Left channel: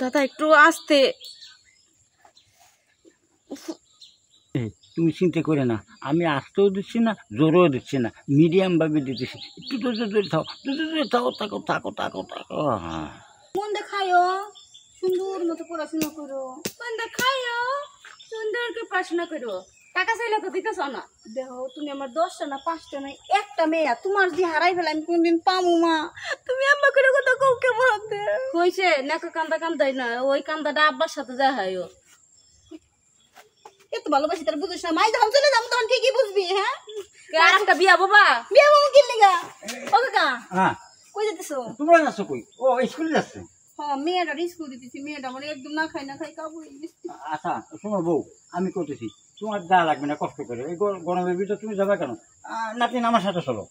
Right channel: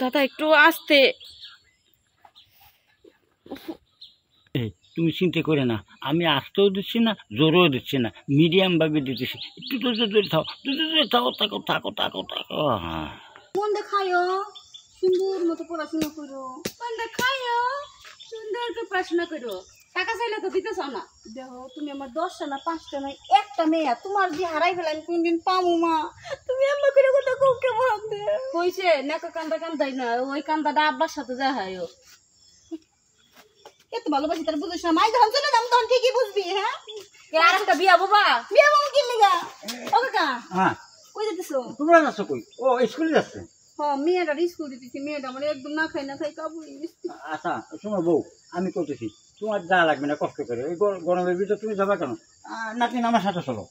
দাদা একটু আস্তে। তুমি চিন্তা করে না, আমি আসতেও দিচ্ছি না, জোরেও দিচ্ছি না, মিডিয়াম ভাবে দিতেছি। একটু ধৈর্য থাও, থাকো থাকো থাকো থাকো থাকো। হ্যাঁ, মন দেখায়ও সুন্দর মতো পড়াশোনা করো, মন দেখায়ও সুন্দর করে পড়াশোনা করো। টাকা চাইলে তো দিতেছ না। দেখো তুমি আমার 10টা না 5টা না একটা মেয়ে, তোমার যে হারাই ফেলে আমি কোনদিন পামু মা? তুমি আম্মা করে কথা কও কেমন হইছে? নাকা কান্দা কান্দাই না, ওই কান্দাটা আব্বার সাথে যা হয়। এত ভালোবাসি তার বুঝিস না। মাই যখন চলে যাবো তখন ঠিকই বুঝবি। হ্যাঁ, আর একটা বিয়া বাবা, বিয়া বাবা কি লিগা? ও কাকা, হ্যাঁ কই যেতেছো? তোমরা যাচ্ছ কই? ও স্কুলে যাচ্ছে। হ্যাঁ, মেয়েটার স্কুল দিতেছি। মেয়েটা মানে একদম না খাই কাবু হয়ে গেছে। আচ্ছা শোনো বউ, আমি করতেছি, তোমার যা লাগবে না কষ্ট করে। এই গরমের ভিতরে তুমি যাবে কেন? নাতিন আমার সাথে চলো,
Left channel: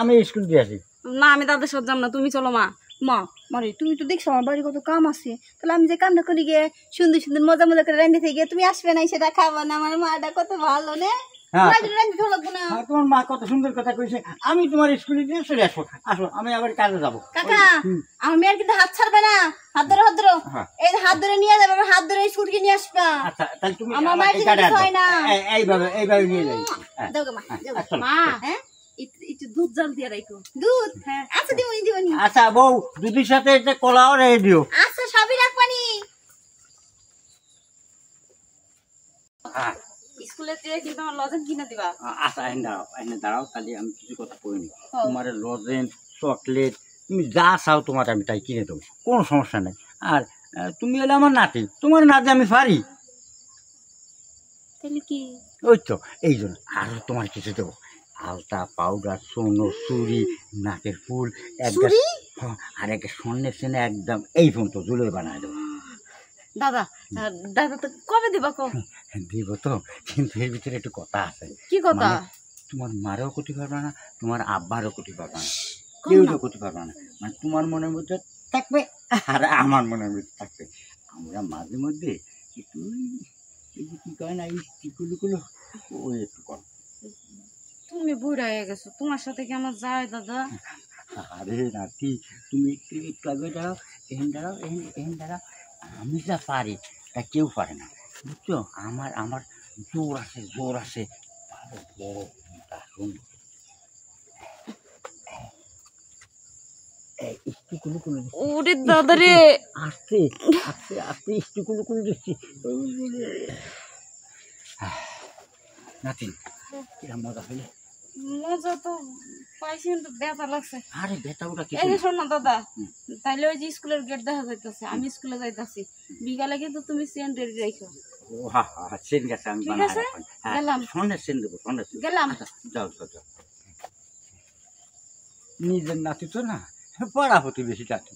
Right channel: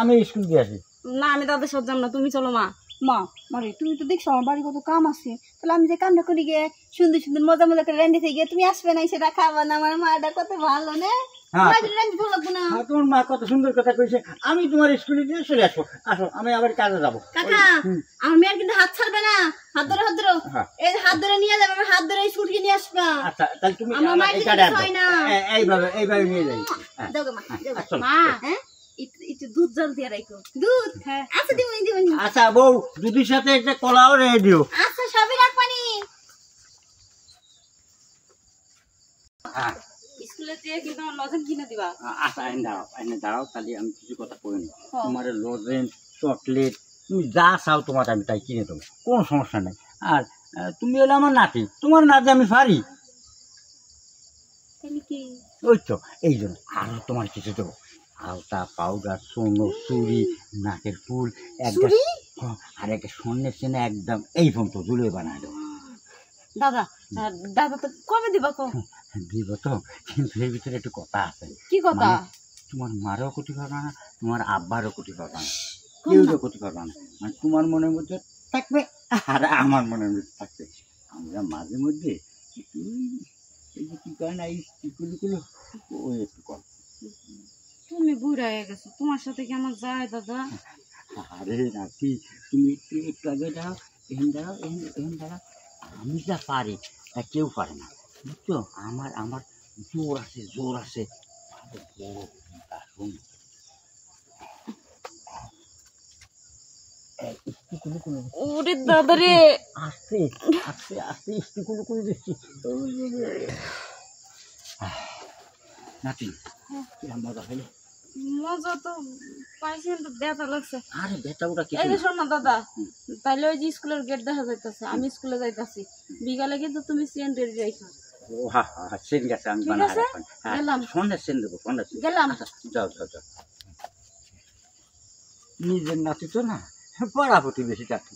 আমি স্কুল দিয়ে আসি। না আমি দাদার সাথে যাম না, তুমি চলো মা। মা মারে তুমি তো দেখছো আমার বাড়ি কত কাম আছে, তাহলে আমি যে কামটা করি গিয়ে সুন্দর সুন্দর মজা মজা করে রান্না থেকে তুমি আসবে না, সেটা খাবা না? আমার মাটা কত ভালো না, তোমার মা কত সুন্দর কথা কইছে। আমি তোমার স্কুলে দিয়ে চলে আসবো। আসো, আমি আবার কাজে যাবো। কাকা আমি আর কিন্তু হাত ছাড়বে না, হাত ধরে এই হাত ধরে নিয়ে যাবে, হাত ধরে স্কুলকে নিয়ে আসবা। আচ্ছা তাহলে তুমি আমার মা এইভাবে নিয়ে যাই। মা হ্যাঁ একটু দুধ জল দিয়ে রাখো। দুধ? হ্যাঁ আচ্ছা দিবনি দিবনি। আচ্ছা বউ, দুধের সাথে একটা কলাও রেখে দিও। আচ্ছা সবই রাখবানি। হ্যাঁ স্কুলে যেয়ে কিন্তু আমার লজেন কিনে দিবা। আচ্ছা এনে দাঁড়াও, তাহলে আমি কিছু কথা কইনি। তোমার লজেন, চকলেট, তুমি যা চাও তোমার আমি তাই কিনে দেবো, কোনো সমস্যা নেই। আর তুমি হলে আমার নাতি, তোমার নাতি আমি পারি। তাহলে কি? ওই তো এই জন্য আরো তোমার কিছু দেবো। আলতা, পাউডার, সোনো, চুড়ি, নাকের ফুল, আর একটা স্বর্ণের চেনে একদম এই ফোন তো জুলে বানায় দেবো। দাদা দাদা তো কবে দিবা কো? দিব তো, কিন্তু এর ভিতরে একটু কথা আছে। কি কথা? তোমার মারও ক্ষতি পারবে না, তোমার আব্বারও ক্ষতি পারবে না, কেউ ক্ষতি পারবে না। মানে তোমার মনের মধ্যে থাকবে আর আমার মনের মধ্যে থাকবে। আমরা মাঝে মধ্যে একটু কি কয় না, এই টিকুলুকুলো ওই একটু কর। তুমি বুড়া হয়ে গেছো, তোমার সাথে কি আমার যায় দাদা? আরে নাতি, তুমি একটু আগে দাঁড়াও, এহেন দাঁড়াও, এহেন দাঁড়াও। আমি যা পারি তা কেউ পারে না, বুঝছো? আমার জোর আছে, জোর আছে। ওরে দাদা রে, আস্তে আস্তে আস্তে স্টিকুলুকুলু দিচ্ছি। নাতি কিরম মজা হইলো? মজা তো পাইছি কিন্তু ব্যথা লাগছে। আরে ব্যথা ওটা কি? এই যে শোনো দাদা, তাইলে ওই যে স্কুলের গেট দেখা যাইতেছে, আমি স্কুলে যাইতাছি। বিকালে কিন্তু তুমি সেন্ট রেডি রাখো। ও হ্যাঁ হ্যাঁ, সেন গেছে, আমি ঠিক আছে গেলাম। সন্ধ্যা সেন দেবো, সন্ধ্যা গেলাম। যাও যাও যাও। নিজের নাতি তো না, পড়া হতে বেশি লাগছে।